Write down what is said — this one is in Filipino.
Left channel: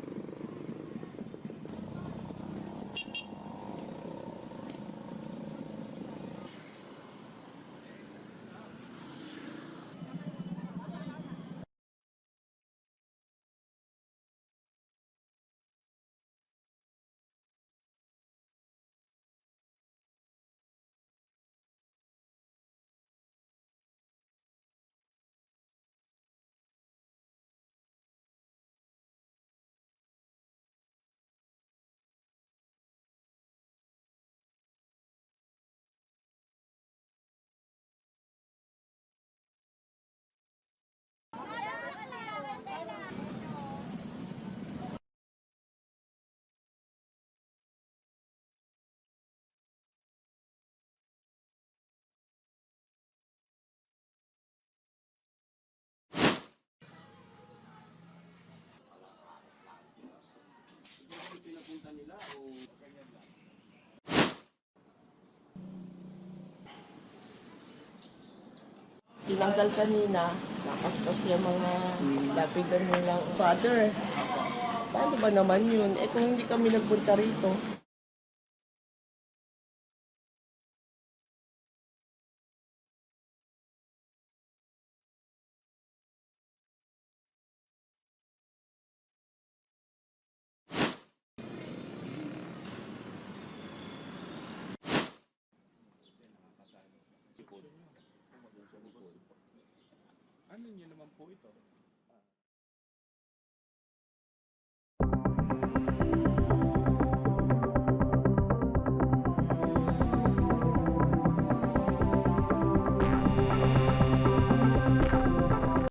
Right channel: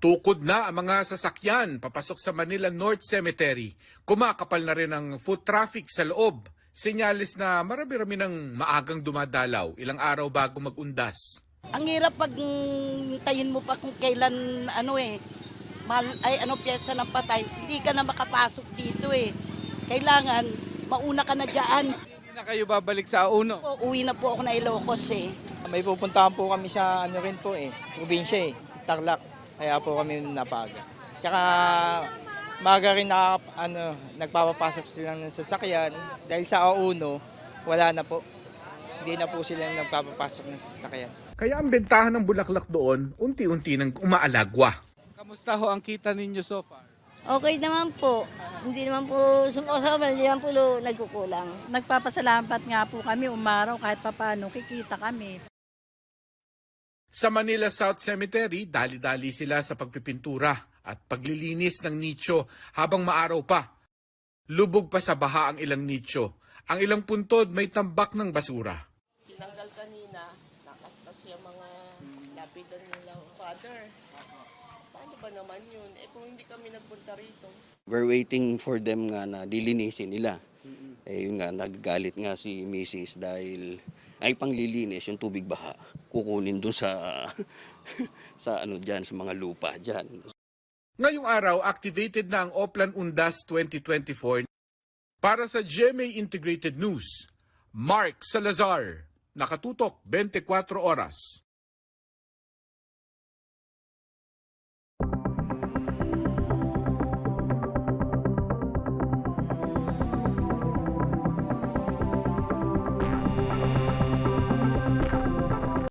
Tukod na ang mga sasakyan papasok sa Manila North Cemetery. Kumakapal na rin ang foot traffic sa loob. Senyalis na marami-rami ng maagang dumadalaw ilang araw bago magundas. Ang hirap pag tayin mo pa kung kailan piyesta ng patay, hindi ka na makapasok dito eh. Kailangan mauna ka na dyan. Hindi na kayo babalik sa Auno. Uwi na po ako na Ilocos eh. May pupuntahan po kami sa probinsya Tarlac. Kaya po kami napaga. Tsaka maga rin nagpapapasok sila ng sasakyan dahil sa Auno, wala na po. Hindi na po sila nagpapapasok ng sasakyan. Kaya ang bentahan ng bulaklak doon, unti-unti nang umaalagwa. Kamusta ho ang kita ninyo so far? Okay naman po. Hindi naman po sumasama, hindi naman po nagkukulang. Nagpapasalamat nga po kami umaraw kahit papaano kikita kami. Sa Manila South Cemetery, dali-dali sila sa pagpipintura at paglilinis ng nicho habang maaraw pa. Lubog pa sa baha ang ilang nicho. Ang ilang puntod may tambak ng basura. Tinanggal kanina, nakaspas yung mga lapidan nilang father. Paano ba naman yun? Kung hindi kami nagpunta rito. We're waiting for them nga na dilinisin nila. Yun nga, naggalit nga si Mrs. dahil ay panglilinis yung tubig baha. Kukunin dun sa sa mga lupa dyan. Ngayong araw, activated na ang Oplan Undas 2024. Para sa GMA Integrated News, Mark Salazar, nakatutok 24 oras.